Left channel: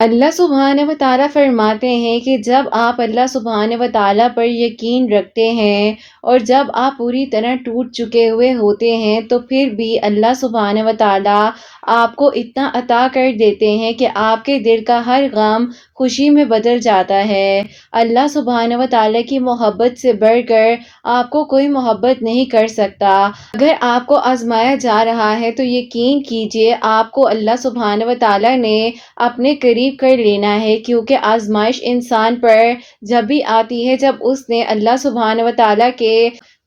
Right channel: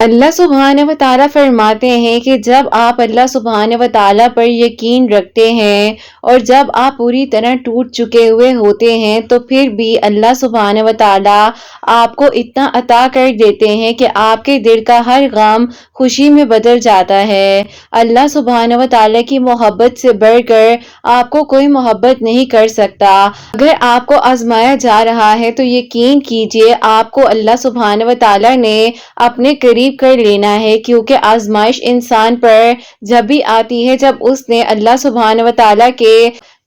اللہ سبحانہ و تعالیٰ فرماتے ہیں کہ جب آپ اللہ سبحانہ و تعالیٰ پر یقین رکھتے ہیں اور جب آپ پوری طرح ٹوٹ چکے ہوئے ہوتے ہیں تو پھر بھی اللہ سبحانہ و تعالیٰ آپ کو اتنا عطا کر دیتے ہیں کہ آپ کے دل کا ہر غم خوشی میں بدل جاتا ہے۔ اللہ سبحانہ و تعالیٰ کی محبت سے بڑھ کر آپ کو کوئی محبت نہیں کر سکتا۔ اگر آپ کو آزمایا جا رہا ہے تو یقین کیجئے آپ کو اللہ سبحانہ و تعالیٰ نے اپنے قریب کر لینا ہے، کیونکہ آزمائش انسان پر جب بھی آتی ہے جب اس نے اللہ سبحانہ و تعالیٰ کے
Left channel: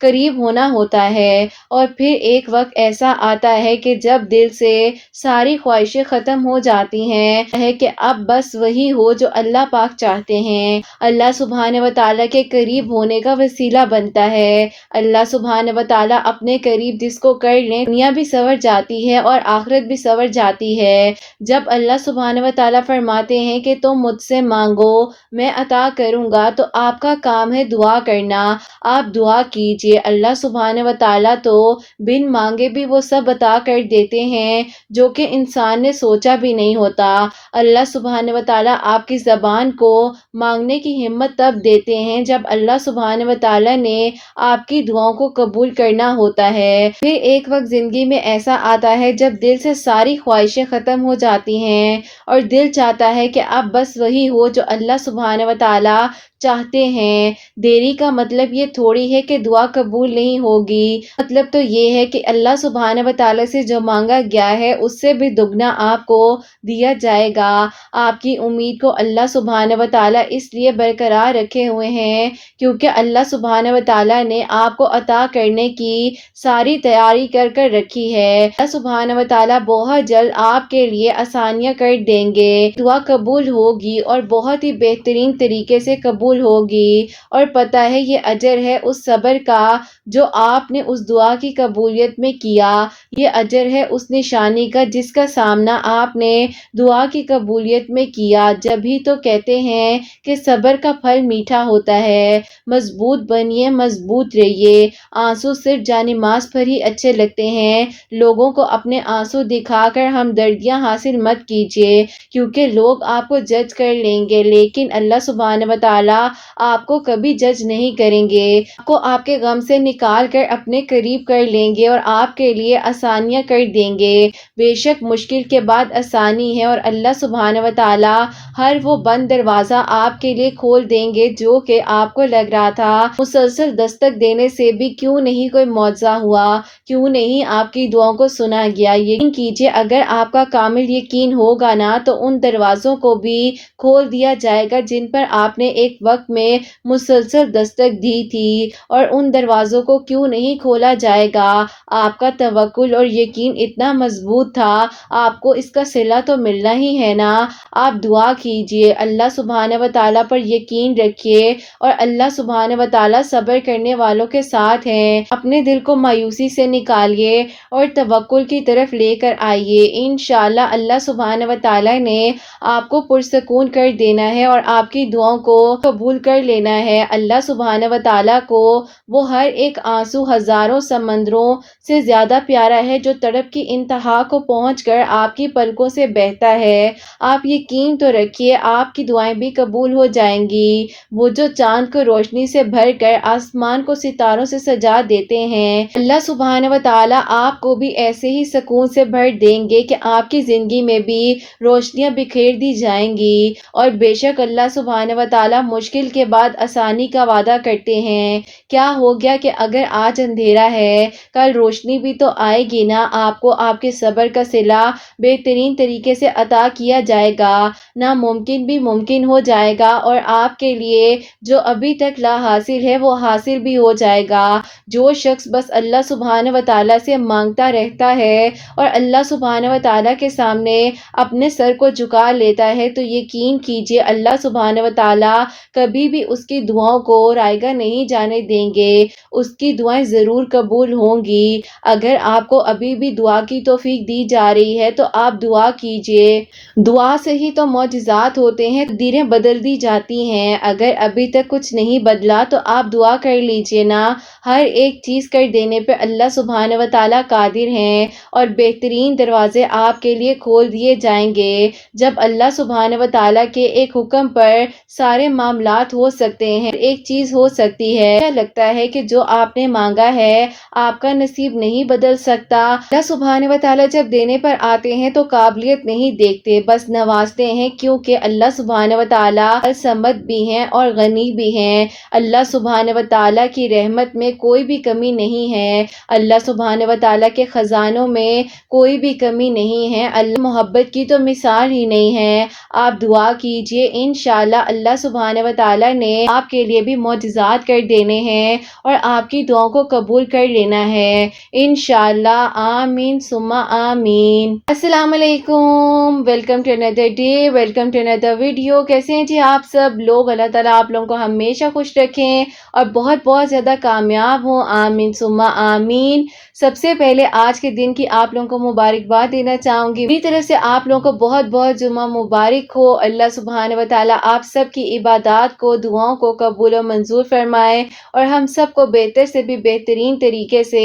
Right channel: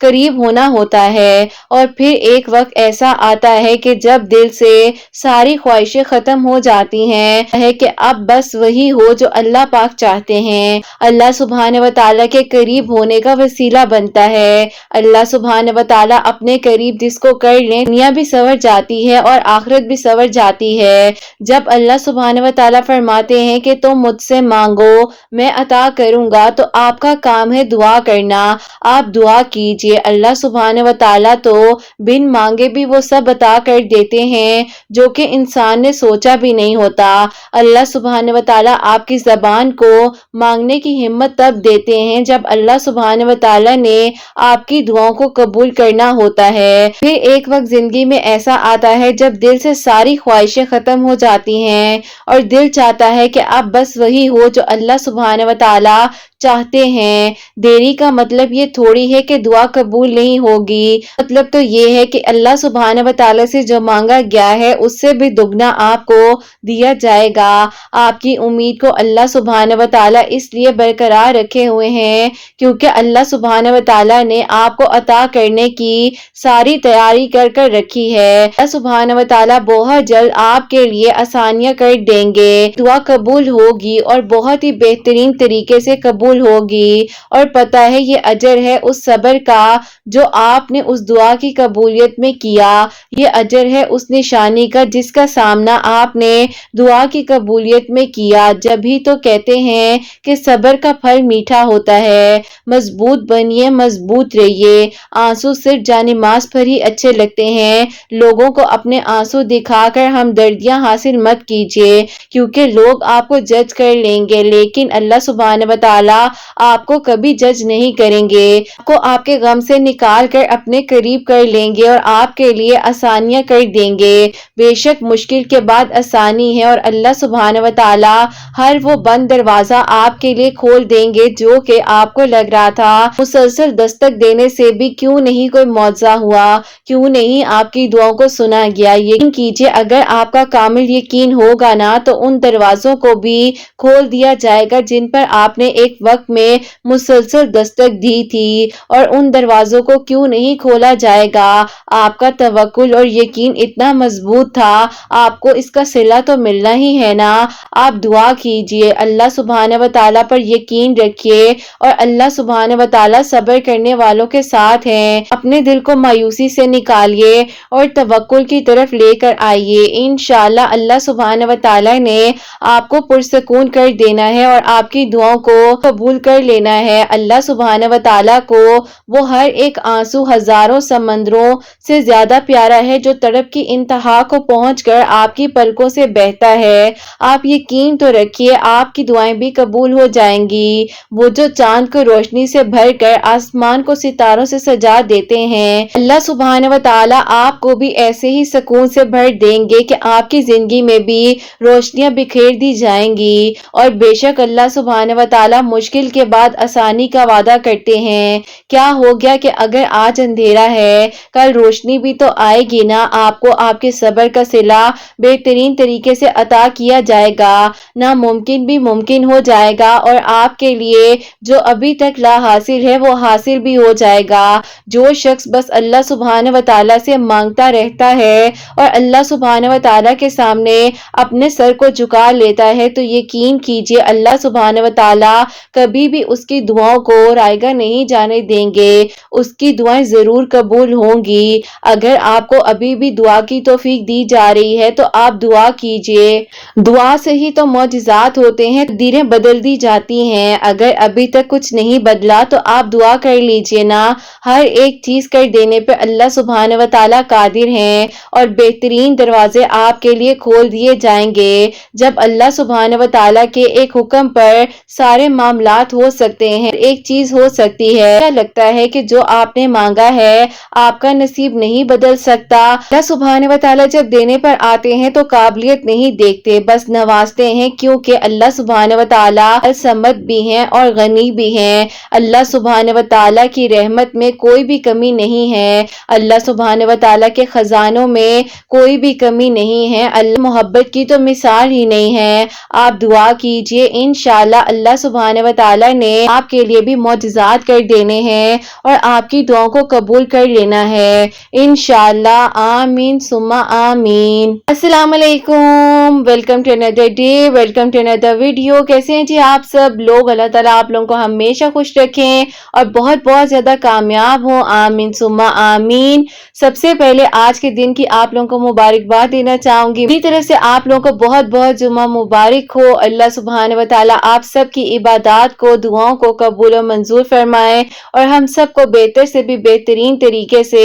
قریب ہونا ہوتا ہے، اور پھر ایک وقت ایسا آتا ہے کہ جب دل سے ساری خواہشیں ختم ہو جاتی ہیں ہے کہ اب بس وہی ہو جو اللہ پاک چاہتے ہیں۔ اللہ سبحانہ و تعالیٰ کے قریب ہونے کا وسیلہ بنتا ہے۔ اللہ سبحانہ و تعالیٰ اپنے قریب جس کو کر لیں دنیا بھی سنور جاتی ہے اور آخرت بھی سنور جاتی ہے۔ جب اللہ سبحانہ و تعالیٰ فرماتے ہیں کہ تم مجھ سے مانگو میں عطا کروں گا، تو آپ کا کام ہے دعا کرنا۔ آپ دعا کیجئے، اللہ سبحانہ و تعالیٰ تو بن مانگے بھی وہ سب عطا کر دیتے ہیں جو کہ انسان نے سوچا بھی نہیں ہوتا۔ اللہ سبحانہ و تعالیٰ آپ کی زبان کو مانگنے کی ہمت تب دیتے ہیں جب اللہ سبحانہ و تعالیٰ نے آپ کی دعاؤں کو قبول کرنا ہوتا ہے۔ پھر ایک وقت زندگی میں ایسا آتا ہے جب دل سے ساری خواہشیں ختم ہو جاتی ہیں اور دل چاہتا ہے کہ اب بس وہی ہو جو اللہ سبحانہ و تعالیٰ چاہتے ہیں۔ دیری کا مطلب یہ تھوڑی ہے کہ دعا قبول نہیں ہوگی، مطلب تو یہ ہے کہ اللہ سبحانہ و تعالیٰ سے جو مانگا گیا ہے اس سے بھی دگنا آپ کو دیا جائے گا۔ آپ کی امید کو اللہ سبحانہ و تعالیٰ اس لیے برقرار رکھے ہوئے ہیں کیونکہ اللہ سبحانہ و تعالیٰ نے آپ کو عطا کرنے کی ساری تیاری کر رکھی ہے۔ اللہ سبحانہ و تعالیٰ بہت جلد آپ کے لیے آسانیاں کر دیں گے، دعا قبول ہوگی اور بہت ہی بہترین طریقے سے قبول ہوگی، اور پتہ ہے یہ اجر ہے اس صبر کا جو آپ نے اس دعا کی قبولیت میں کیا، یہ اجر ہے اس نشانی کا جس کا سامنا آپ نے دعا کی قبولیت میں کیا۔ جب ہی تو کہتے ہیں کہ صبر کا پھل میٹھا ہوتا ہے۔ مضبوط بنیے، مضبوط رہیے۔ آنسو صرف جانماز پر ہی اچھے لگتے ہیں، لوگوں کو اپنے آنسو دکھا کر ہمدردیاں حاصل مت کیجیے کیونکہ لوگ آپ کو جج کر لیں گے، لیکن اللہ سبحانہ و تعالیٰ آپ کو کبھی جج نہیں کریں گے، آپ کو آپ کے غم سے نکال کر اپنے قریب کر لیں گے اور آپ کے لیے آسانیاں کر دیں گے۔ بے شک مشکل کے بعد آسانی ہے، اور اللہ سبحانہ و تعالیٰ ہر وہ بند دروازہ آپ کے لیے کھول دیں گے جو کہ آپ کو لگ رہا تھا مسلسل دستک دینے سے بھی کیوں نہیں کوئی معجزہ ہوا، کیوں نہیں آپ کی دعاؤں کو سنا گیا۔ یقین کیجئے اگر آپ کا کامل یقین ہوگا نا تو ان دروازوں کو بھی کھول دیا جائے گا جن پر آپ نے ایک وقت میں مسلسل دستک دی تھی، اور ان دروازوں کو کیوں نہیں کھولا جائے گا۔ آپ کا توکل اور یقین اتنا مضبوط تھا، آپ کو اس کا صلہ تو ملنا ہی ہے نا۔ آپ دعا کیجئے، اللہ سبحانہ و تعالیٰ پر یقین رکھیے، اور اللہ سبحانہ و تعالیٰ صبر کرنے والوں کے ساتھ ہیں۔ اپنے دل کو مایوسی سے نکالیے اور توکل کی طرف لے کر آئیے، انشاءاللہ اللہ سبحانہ و تعالیٰ نے آپ کو پرسکون کر دینا ہے اور آپ کی دعاؤں کو قبول کر لینا ہے۔ اللہ سبحانہ و تعالیٰ کو وہ ہر ایک آنسو ہزاروں سمندروں سے زیادہ پیارا ہے جو تڑپ کی انتہا کو پہنچ کر آپ کی پلکوں سے بہتا ہے۔ آپ یقین تو رکھیے آپ کی دعائیں بھی قبول ہو جائیں گی۔ وہ جو چاند کو روشنی سے بھر کر آسمان کو ستاروں سے سجا دیتے ہیں، اللہ سبحانہ و تعالیٰ آپ کو بھی ایسے ہی سکون سے بھر دیں گے کہ آپ کی زندگی میں بھی روشنیاں بکھیر دی جائیں گی۔ اور بے شک اللہ سبحانہ و تعالیٰ مشکل کے بعد آسانی کا وعدہ کرتے ہیں۔ کیا ہو گیا کہ اگر آج اندھیرا ہے کل روشنی بھی تو آئے گی نا۔ آپ کو آپ کے صبر کا صلہ بہترین طریقے سے عطا کیا جائے گا، ناممکن بھی ممکن ہو جائے گا، اور آپ کے لیے جو ابھی تک لا حاصل ہے وہ حاصل بھی ہو جائے گا۔ جو شخص بس اللہ سبحانہ و تعالیٰ سے مانگتا رہتا ہے اور اللہ سبحانہ و تعالیٰ کے سامنے اپنے سر کو جھکا لیتا ہے تو یقین کیجئے اللہ سبحانہ و تعالیٰ کبھی بھی اس کی دعاؤں کو رائیگاں نہیں جانے دیں گے، اس کی دعائیں ضرور قبول ہوں گی۔ اگر آپ کو ابھی بھی دعا کی توفیق دی جا رہی ہے تو آپ دعا کیجئے، دعا سے ہی تو معجزات ہوتے ہیں، تقدیریں بدل دی جاتی ہیں۔ اگر ابھی تک کچھ نہیں بدلا تو آپ دعا کر لیجئے نا، ہر ایک چیز کر دینے پہ اللہ سبحانہ و تعالیٰ قادر ہیں اور بہترین دروازے آپ کے لیے کھول دیے جائیں گے۔ جب اللہ سبحانہ و تعالیٰ کے ایک حکم پر سارے معاملات ہو سکتے ہیں، ایک چیز ہو سکتی ہے، کیا لگتا ہے کہ جو آپ نے مانگا ہے آپ کا نصیب نہیں بدل سکتا؟ اللہ سبحانہ و تعالیٰ جب دینے پر آتے ہیں تو قابلیت نہیں دیکھتے، بس نوازتے ہیں، کیونکہ اللہ سبحانہ و تعالیٰ الصمد بھی ہیں اور غنی بھی ہیں۔ اللہ سبحانہ و تعالیٰ کی رحمت میں کوئی بھی کمی نہیں ہے، اللہ سبحانہ و تعالیٰ کے خزانوں میں کوئی بھی کمی نہیں ہے، اللہ محبت کی تو مثال ہی نہیں ہے۔ آپ دعا کیجئے، انشاءاللہ اللہ سبحانہ و تعالیٰ نے آپ کے لیے بھی معجزات کر دینے ہیں اور آپ کی دعاؤں کو قبول کر لینا ہے انشاءاللہ۔ آمین ثم آمین۔ السلام علیکم، welcome to another day, welcome to another video. کیسے ہیں جی آپ سب لوگ؟ اللہ تعالیٰ آپ لوگوں کو ہمیشہ خوش رکھیں اور بہت بہت زیادہ کامیاب ہوں، آمین ثم آمین۔ سب سے پہلے آج کے دن کی آپ لوگوں کو مبارکباد دینا چاہوں گی، میری طرف سے آپ لوگوں کو بہت بہت جمعہ مبارک ہو۔ اللہ سبحانہ و تعالیٰ آپ سب کی عبادات کو، دعاؤں کو قبول و منظور فرمائے اور ہم سب کو بہتر سے بھی بہترین طریقے سے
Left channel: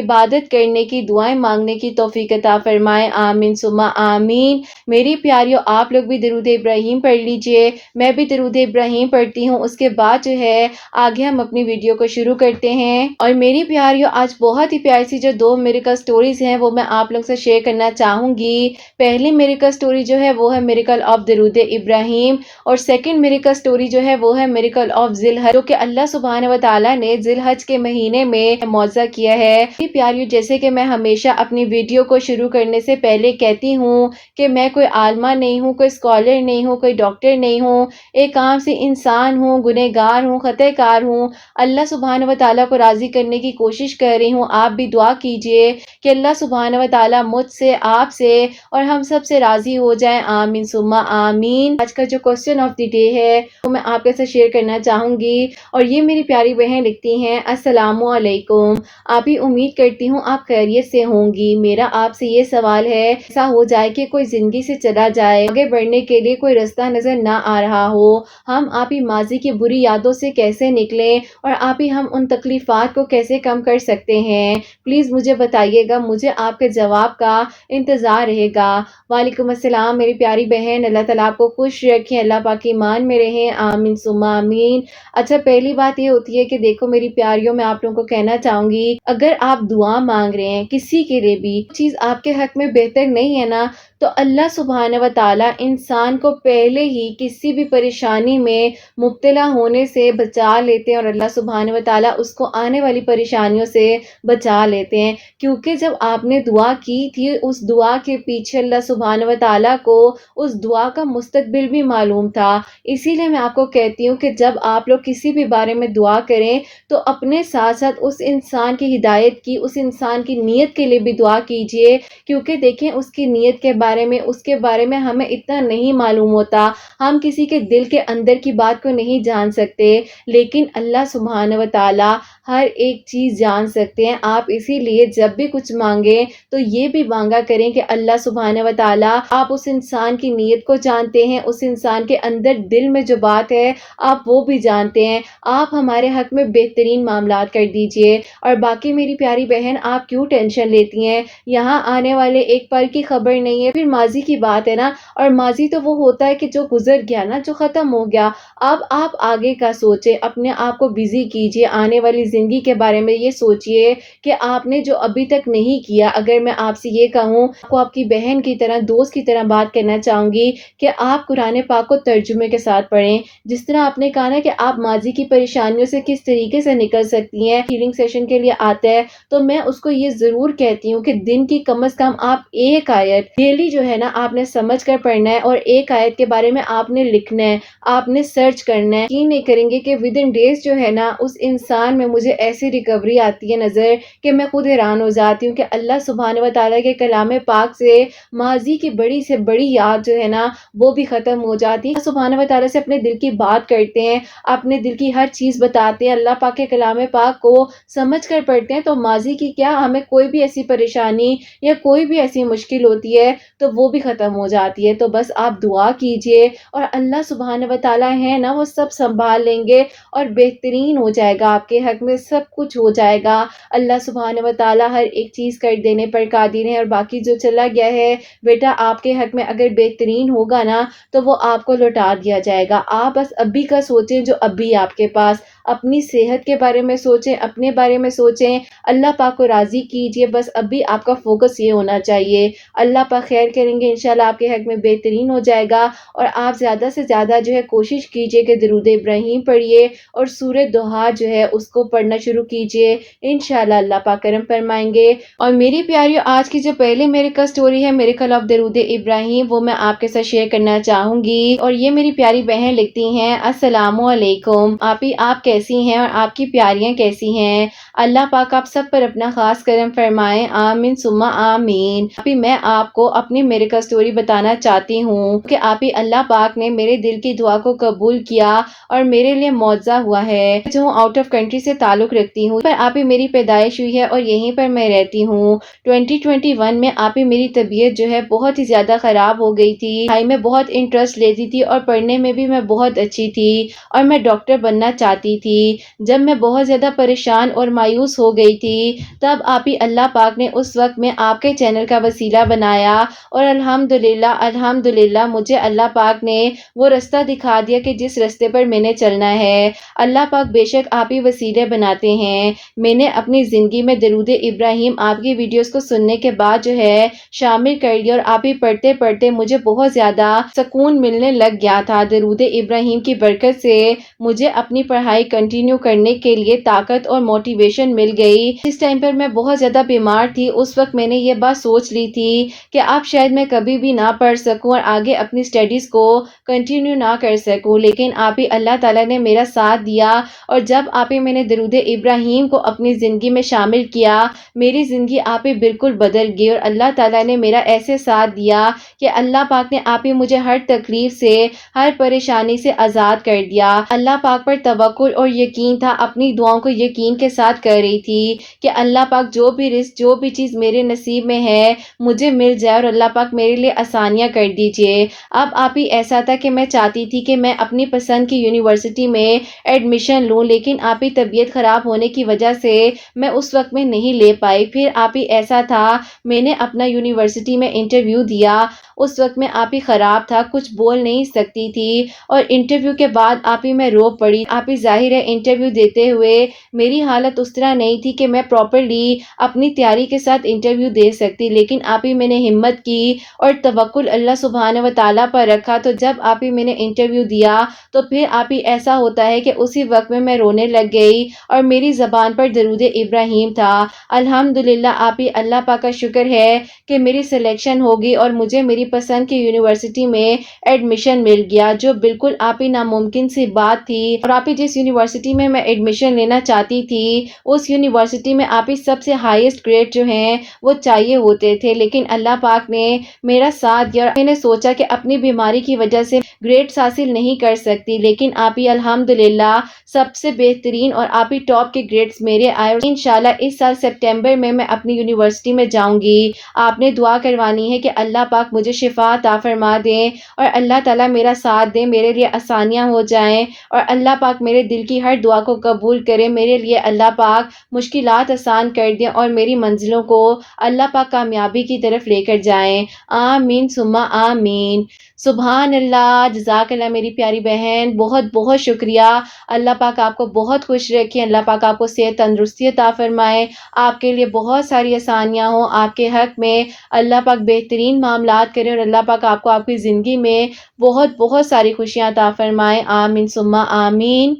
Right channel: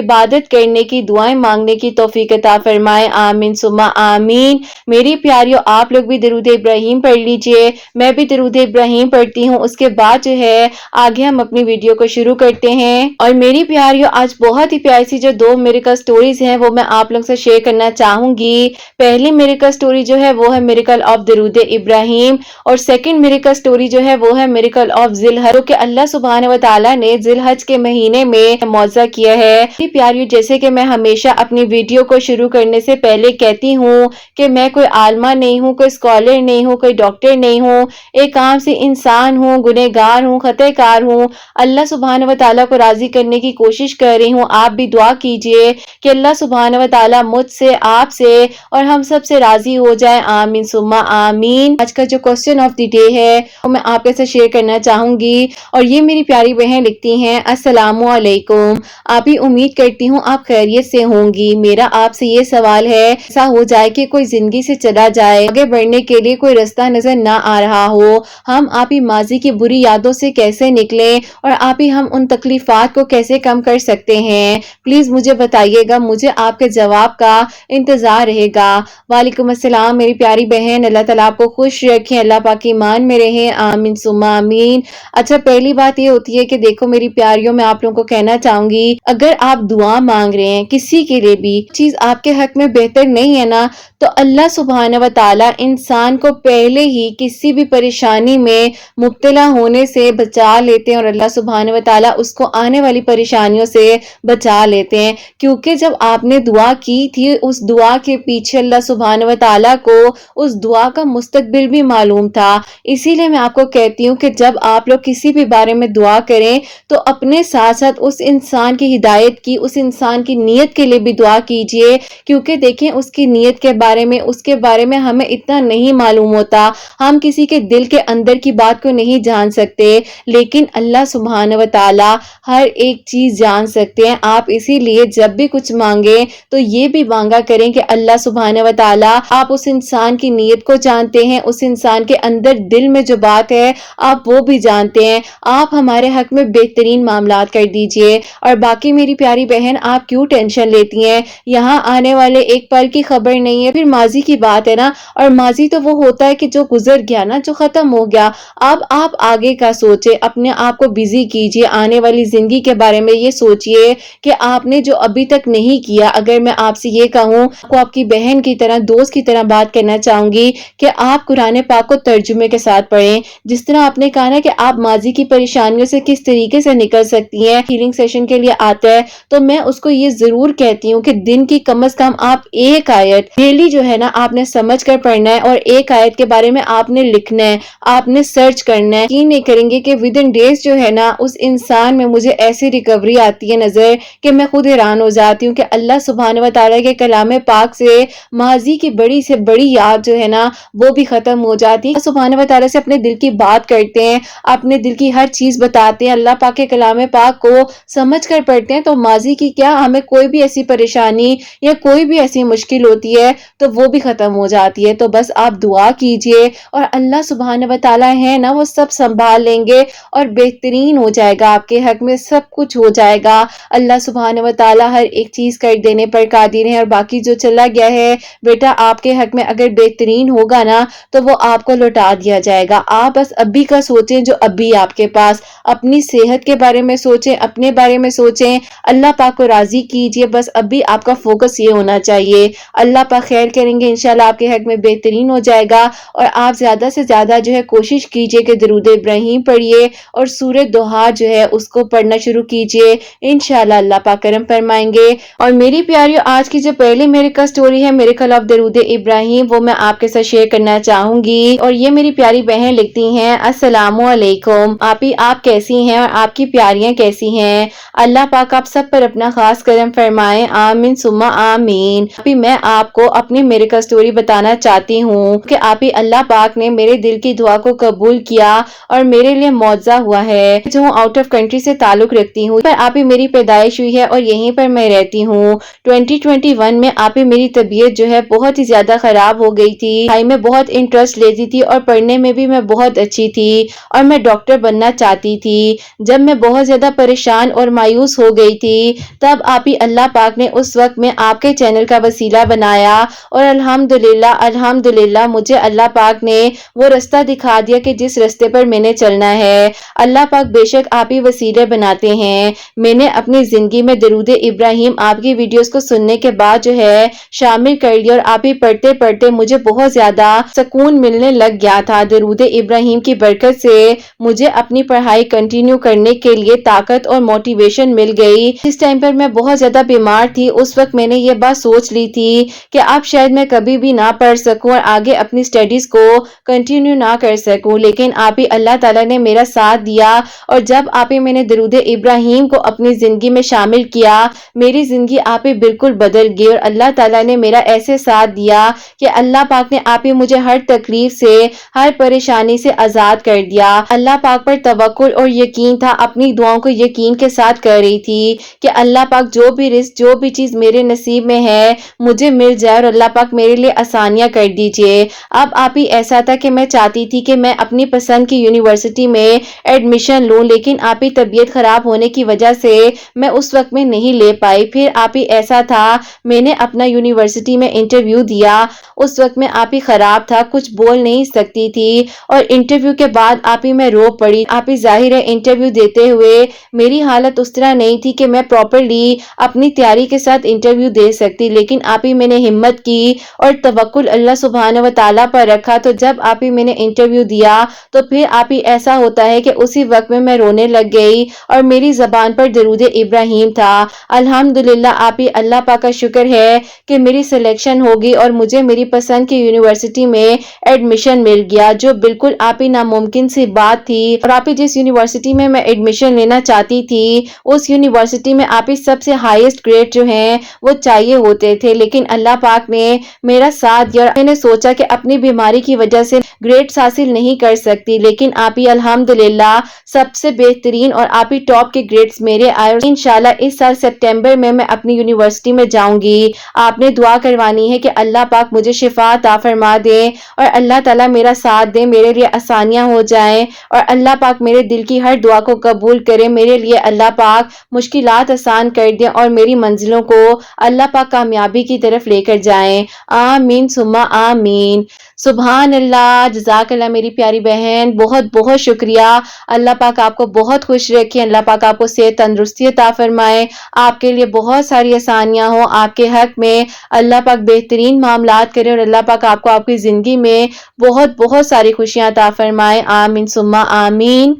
عبادت کرنے کی، دعائیں مانگنے کی توفیق عطا فرمائے، آمین ثم آمین۔ میری پیاریوں، آپ لوگ بھی درود ابراہیم پڑھ لیجئے، میں بھی درود ابراہیم پڑھتی ہوں، اس کے بعد جو ہے آگے ہم اپنی ویڈیو کو شروع کرتے ہیں۔ اور میری پیاریوں، آج بہت ہی پیاری سی جو دو میریکل سٹوریز ہیں وہ میں آپ لوگ سے شیئر کرنا چاہوں گی۔ پہلی میریکل سٹوری جو ہے وہ ہے میریکل آف درود ابراہیم، اور سیکنڈ میریکل سٹوری جو ہے وہ ہے میریکل آف ذی الحج، جو کہ اللہ سبحانہ و تعالیٰ نے ذی الحج کے مہینے میں معجزہ کیا ہے۔ میری پیاریوں، جیسے کہ میں ہمیشہ اپنی ویڈیو کو شروع کرنے سے پہلے کہتی ہوں کہ میں کوئی عالمہ نہیں ہوں، کوئی اسکالر نہیں ہوں، کوئی ڈاکٹر نہیں ہوں، ایک عام سی انسان ہوں، گنہگار ہوں، خطا کار ہوں، اللہ سبحانہ و تعالیٰ کو راضی کرنے کی کوشش کر رہی ہوں۔ آپ بھی دعا کیجئے کہ اللہ سبحانہ و تعالیٰ مجھ سے، آپ سے اور ہم سب سے راضی ہو جائے، آمین ثم آمین۔ آج کا جو کوسچن آف دی ڈے ہے وہ میں آپ کے ساتھ شیئر کرنا چاہوں گی، اور یہ میری پیاری بہن لکھتی ہیں، السلام علیکم، آپ ہی امید کرتی ہوں آپ خیریت سے ہوں گی۔ میرا آپ سے یہ سوال ہے، ایسا ہو جائے کہ کوئی زندگی سے چلا جائے، آگے بڑھنے کے لیے کوئی رستہ نظر نہ آ رہا ہو، ہم آپ ہی ماضی کی بری یادوں سے کیسے نکلیں اور آپ ہی ہم ان تکلیفات کو کیسے کم کر سکتے ہیں؟ پلیز مجھے بتائیے گا، مجھے آپ کے جواب کا انتظار رہے گا۔ وعلیکم السلام میری پیاری بہن، اللہ تعالیٰ آپ کو خوش رکھیں، اللہ پاک ایمان میں رہیں، آمین ثم آمین۔ اچھا، پہلی بات یہ ہوتی ہے کہ دیکھو میری پیاریوں، میں آپ لوگوں کو کہنا چاہوں گی، اگر آپ دعا مانگ رہے ہیں کسی کے لیے بھی، چیز آپ کے حق میں بہتر نہیں ہے نا، تو اللہ سبحانہ و تعالیٰ انسان کو پہلے ہی کسی بھی پریشانی میں مبتلا ہونے سے بچا لیتے ہیں، اور اللہ سبحانہ و تعالیٰ اس کو آنے والی پریشانیوں سے بچا لیتے ہیں، کیونکہ جب آپ نے دعا کی تھی، اس دعا کے پیچھے اللہ سبحانہ و تعالیٰ کو اس دعا کا مستقبل بھی معلوم تھا۔ اسی لیے میں آپ کو کہتی ہوں کہ جب آپ لوگ کسی بھی بارے میں دعا کریں تو اپنے ساتھ ساتھ اس انسان کی ہدایت کی، اس انسان کی نیت کے لیے بھی دعا کیجئے، کیونکہ دیکھیں اس کی نیت کے بارے میں، اس کے بارے میں ہمیں اتنا نہیں معلوم ہوتا، ہم کسی کے دل کے اندر کی بات کو نہیں جان سکتے، لیکن اللہ سبحانہ و تعالیٰ ہر ایک چیز جان سکتے ہیں۔ آپ اسی لیے جب بھی کچھ مانگیں تو یہ بھی مانگا کریں کہ اللہ سبحانہ و تعالیٰ، آپ اس انسان کی نیت کو جانتے ہیں، اس انسان کے اندر دل میں جو بات ہے آپ وہ بھی جانتے ہیں، آپ ہمارے حق میں بہترین معاملات کر دیجئے۔ اور باقی میری پیاری بہن، آپ کیوں ٹینشن لیتی ہیں؟ یہاں آنے والے ایک پل کی خبر نہیں ہے، پھر ماضی کی بات ہے نا، اور ماضی تو وہ ہوتا ہے کہ جو گزر گیا نا، جو ختم ہو گیا۔ اب آپ آگے کا سوچیں، اپنے آپ کو بزی کیجئے، آنے والی زندگی کے بارے میں یہ سوچئے کہ آپ نے جو ابھی تک نہیں کیا۔ اگر میں آپ سے یہ کہوں، کو آپ کی بہن کی طرح، دوست کی طرح بات کرنا چاہوں گی کہ آپ قرآن پاک کو ترجمے کے ساتھ پڑھیں، جس طرح آپ نے کہا نا کہ آپ ماضی کی پریشانیوں سے کس طریقے سے نکل سکتی ہیں۔ ہیلنگ سیشن کے لیے آتا ہے تو میں اس کو یہ ضرور کہتی ہوں کہ دن کی کم از کم آپ ایک آیت ڈیلی جو ہے نا آپ نے سمجھ کر پڑھنا ہے، اور ایک آیت کے بارے میں آپ نے لکھنا ہے، آپ نے سرچ کرنا ہے۔ یہ نہیں کریں گے کہ ودن ڈیز جو ہے نا اس انسان میں مجھے ایسی ریکوری آتی ہے نظر کہ میں خود حیران ہو جاتی ہوں کہ اللہ سبحانہ و تعالیٰ کے کلام پاک سے ماضی کی بڑی سے بڑی یاد جو ہے نا وہ بھی ختم ہو جاتی ہے۔ سبحانہ و تعالیٰ سے اپنے دل کی کی بات کرتے ہیں، اپنے دل کی ہر چیز بتاتے ہیں، اللہ پاک کے کلام پاک کو سمجھ کر پڑھتے ہیں، تو ماضی کی کیا ہمیں کوئی بھی ایسی پریشانی یا کوئی بھی ایسی مشکل ہوتی ہے تو وہ بھی ختم ہو جاتی ہے۔ تو بس آپ دعا کیجئے اور اللہ سبحانہ و تعالیٰ ہے نا، وہ سب سنبھال لیں گے اور بہترین ہو جائے گا، آپ کے حق میں سب کچھ ہو جائے گا۔ اللہ سبحانہ و تعالیٰ ہر ایک چیز کر دینے پر قادر ہے، اور باقی جو چلا گیا ہے بیٹا آپ کے حق میں اگر بہترین ہوگا نا تو وہ آپ کو لوٹا دیا جائے گا۔ آپ بس ابھی کا سوچیں جو ابھی آپ کے پاس، اپنی صحت کے بارے میں سوچیں، اپنے بارے میں سوچیں، اللہ پاک کو راضی کیجئے، بس ابھی آپ کا فوکس یہ ہونا چاہیے۔ اللہ پاک خیر کریں گے، انشاءاللہ آپ کے حق میں بہترین ہو جائے گا۔ اور آپ زیادہ سے زیادہ جو ہے کوشش کیجئے کہ درود ابراہیم پڑھیے اور سورہ دوحہ جو ہے اس کو پڑھنا شروع کیجئے، انشاءاللہ اللہ پاک کرم فرمائیں گے۔ اور میری پیاریو، آج کی جو پہلی میرے کا سٹوری ہے میرے خلاف درود ابراہیم، وہ میں آپ کے ساتھ شیئر کرنا چاہوں گی۔ اور یہ میری پیاری بہن لکھتی ہیں، السلام علیکم آپی، آپ کیسی ہیں اور آپ کی پیاریاں کیسی ہیں؟ اللہ پاک آپ سب پر اپنا خاص کرم فرمائے، آمین ثم آمین۔ آپی میں آپ کو اپنی میرے کا سٹوری بتانا چاہتی ہوں کہ آپی اللہ پاک نے میرے دل کی دعا کو قبول کیا اور میرے لیے معجزہ ہوا ہے۔ جو آؤٹ آف کنٹری سے تعلق رکھتی ہوں، پر آپی میری پیدائش ہوئی ہے اور یہیں پر میں رہتی ہوں۔ 2021 میں آپی میری طبیعت جو ہے بہت ہی زیادہ خراب ہو گئی تھی، پڑھائی میں بہت انٹرسٹ لیتی تھی اور پڑھنے میں بھی میں بہت اچھی تھی اور میں ڈاکٹر بننا چاہتی تھی۔ جب میں بہت زیادہ پریشان اور مایوس ہو گئی تھی تب آپی اللہ پاک نے اس وقت میں آپ کے چینل کا وسیلہ بنایا اور الحمدللہ مجھے اللہ پاک نے وہ رستہ دکھا دیا کہ جس رستے پر میں نے چلنا ہے۔ اللہ پاک بے شک آپ ہی وسیلے بناتے ہیں۔ میں نے اپنی زندگی میں درود ابراہیم آپ کی ویڈیوز کو سننے کے بعد جو ہے شامل کر لیا، اور آپ ہی پڑھتے پڑھتے مجھے بہت زیادہ سکون ملنے لگ گیا تھا۔ درود ابراہیم کی برکت سے مجھے اپنی پڑھائی کنٹینیو کرنے کے لیے طاقت اور موٹیویشن مل گئی۔ اس ٹائم پر میں بہت زیادہ بیمار تھی، اس وقت میں نے یہ بات سوچ لی تھی کہ اب شاید میں کبھی بھی نہ پڑھ سکوں اور آگے اپنی سٹڈیز کو کنٹینیو نہ کر سکوں، لیکن آپ ہی اللہ تعالیٰ نے میرا ساتھ دیا، اور جب آپ ہی میں نے درود ابراہیم کو اپنی زندگی میں شامل کیا، میری زندگی آپ ہی بالکل بدل گئی، اور اللہ تعالیٰ نے میرا ایسے ساتھ دیا کہ اللہ پاک نے آپ ہی مجھے ہر تکلیف سے، ہر پریشانی سے آزاد کر دیا۔ اللہ پاک پر توکل اور یقین تھا، اپنی دعاؤں کو یقین کے ساتھ کر رہی تھی کہ اللہ پاک جو بھی رزق، جو بھی چیز میرے نصیب میں ہے مجھے مل جائے، اور اللہ پاک میرے لیے آسانیاں کر دیجئے۔ اب آپ ہی ایسا تھا کہ میں چاہتی تھی کہ میں اپنی پسند کی یونیورسٹی میں ایڈمیشن لوں، لیکن آپ ہی طبیعت خراب ہونے کی وجہ سے میں اس وقت میں نہیں لے پائی۔ پھر آپ ہی ایسا تھا میں نے اپنا یونیورسٹی میں انٹرویو دیا، اس وقت میں آپ ہی خراب تھا، کچھ بول نہیں سکتی تھی، اور انٹرویو کے بعد آپ ہی میں رو پڑی۔ آپ ہی ظاہر ہے انٹرویو دیتے ہوئے میری حالت اس طرح نہیں تھی کہ میں پراپرلی اپنی تیاری کے ساتھ انٹرویو دے سکتی، لیکن آپ ہی میں نے ہمت کی اور توکل اللہ سبحانہ و تعالیٰ پر رکھا، تو جب آپ ہی میں نے انٹرویو دیا تو پھر آپ ہی ایسا ہوتا ہے کہ اسی وقت میں رونے لگ گئی اور میری زبان پر درود ابراہیم تھا۔ الحمدللہ آپ ہی اللہ پاک کا شکر ہے کہ میری سلیکشن ہوگی اور مجھے میری پسند کی یونیورسٹی میں ایڈمیشن مل گیا، جو بالکل آپ ہی ناممکن سی بات تھی۔ اور آپ ہی جس یونیورسٹی میں میں ایڈمیشن لینا چاہتی تھی اس یونیورسٹی میں آپ ہی سب سے ہائیسٹ گریڈ جو ہیں وہ چاہیے ہوتے تھے، لیکن اللہ پاک نے میرا ساتھ دیا، اور میں نے سوچا کہ اپنی بیماری کی وجہ سے گریڈز حاصل نہیں کر سکتی، لیکن آپ ہی الحمدللہ سب سے بہترین اور آپ ہی ٹاپ کے گریڈز میرے آئے۔ انشاءاللہ اس سال سپٹمبر میں اپنی یونیورسٹی میں جاؤں گی۔ آپ نے دعا کروانی ہے کہ اللہ پاک مجھے شفا عطا فرما دے اور اللہ تعالیٰ میرا ساتھ دے، میرے لیے آسانیاں ہو جائیں، اور اللہ پاک میرے دل کی ہر دعا کو قبول کرے، میرے لیے اللہ پاک مشکلات آسان کر دے اور میری منزلوں کو اللہ پاک کامیابی کی طرف لے کر جائیں، آمین ثم آمین۔ سبحان اللہ، جزاک اللہ میری پیاری بہن، بہت بہت شکریہ۔ اللہ پاک آپ کو بہت خوش رکھے، اللہ پاک آپ کو صحت تندرستی عطا فرمائے، آپ کے لیے بہت ساری آسانیاں ہوں، آپ کے حق میں اللہ پاک بہترین معاملات کرے، اور اللہ پاک آپ کو آپ کی زندگی میں بہت بہت ساری خوشیاں عطا فرمائے، آمین ثم آمین۔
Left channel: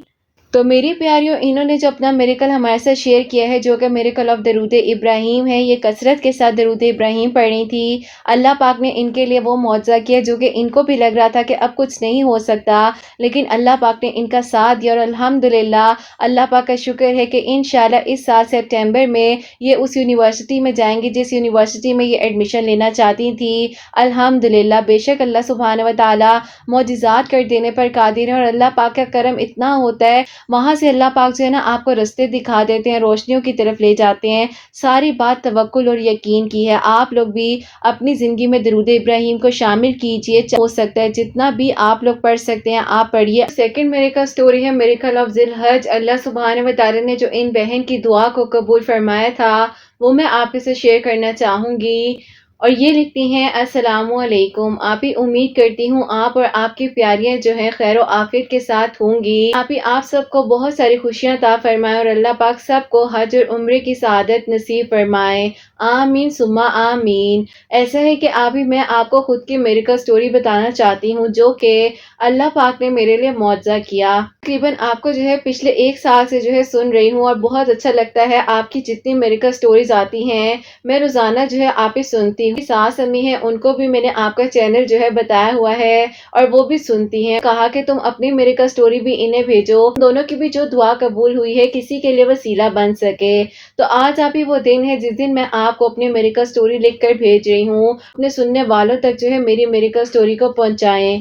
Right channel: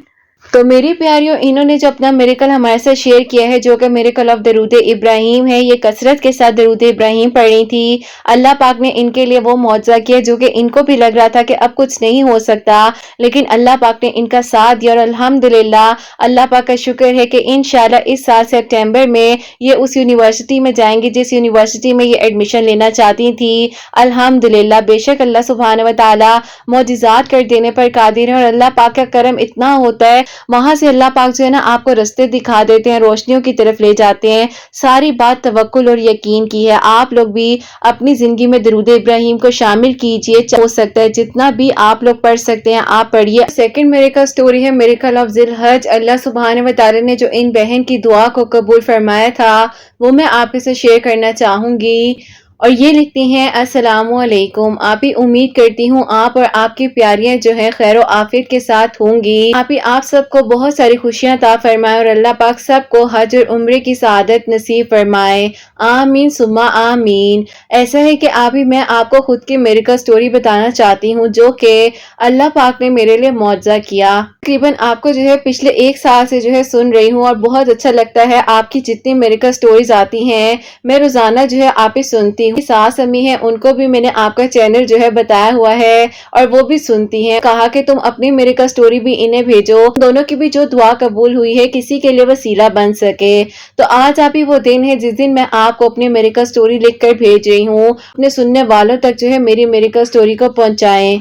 تو میری پیاریوں، انہوں نے جو اپنا میریکل ہمارے ساتھ شیئر کیا ہے، جو کہ میریکل آف درود ابراہیم ہے، یہ کثرت کے ساتھ درود ابراہیم پڑھ رہی تھی۔ اللہ پاک نے ان کے لیے وہ معجزہ کیا جو کہ ان کو بھی لگ رہا تھا کہ اب کچھ نہیں ہو سکتا، لیکن اللہ پاک نے ان کا ساتھ دیا، اور الحمدللہ اللہ پاک کا شکر ہے کہ انشاءاللہ اس سال سپٹمبر میں یہ اس یونیورسٹی میں جائیں گی جس یونیورسٹی میں یہ ایڈمیشن لینا چاہتی تھی۔ الحمدللہ، بے شک اللہ سبحانہ و تعالی معجزات کر دینے پر قادر ہے، اور اللہ پاک کا کرم اتنا ہوتا ہے، وہاں سے اللہ پاک جو ہے نا آپ کو رستے دکھا دیتے ہیں، روشنیوں کی طرف لے جاتے ہیں۔ ساری بات توکل اور یقین کی ہے۔ آپ لوگ بھی اپنی زندگی میں درود ابراہیم کو شامل کیجئے، ہو سکتا ہے جتنا بھی آپ لوگ پڑھ سکتے ہیں آپ پڑھیے۔ سیکنڈ میریکل سٹوری ہے میریکل آف ذی الحج۔ اللہ سبحانہ و تعالی نے جو ان بہن کی دعا کو قبول فرمایا تھا وہ میں آپ کے ساتھ شیئر کرنا چاہوں گی، اور یہ لکھتی ہیں: السلام علیکم آپی، امید کرتی ہوں آپ اور آپ کی پیاریاں جو ہے خیر و عافیت کے ساتھ ہوں گی۔ آپی آپ سب کو بہت ساری خوشیاں عطا فرمائے، اور اللہ پاک سب کو حج اور عمرے کی سعادت نصیب فرمائے، آمین ثم آمین۔ ایسا ہے کہ آپی میں آپ کو خود کی میریکل سٹوری بتانا چاہتی ہوں جو کہ اللہ پاک نے میرے لیے معجزہ کیا۔ تقریباً آپ کو جو ہے پچھلے ایک سال سے جو ہے سن رہی ہوں، اور بہت اچھا لگتا ہے آپ کی جتنی میریکل سٹوریز آتی ہیں میں روزانہ جو ہے آپ ہی سنتی ہوں۔ ساس امی ہیں ان کو بھی میں نے آپ کا چینل جو ہے بتایا ہوا ہے، اور وہ بھی سنتی ہیں۔ کہا کہ تم اپنی میریکل سٹوری بھی انہیں بھیجو، دونوں کی بھی جو دعا قبول ہوئی ہے کسی کے لیے وسیلہ بن سکے۔ تو آج آپ ہی وہ دن ہے جس دن میں آپ کو اپنی میریکل سٹوری لکھ کر بھیج رہی ہوں، اپنے سننے والوں تک جو ہے میری میریکل سٹوری کو پہنچائیں۔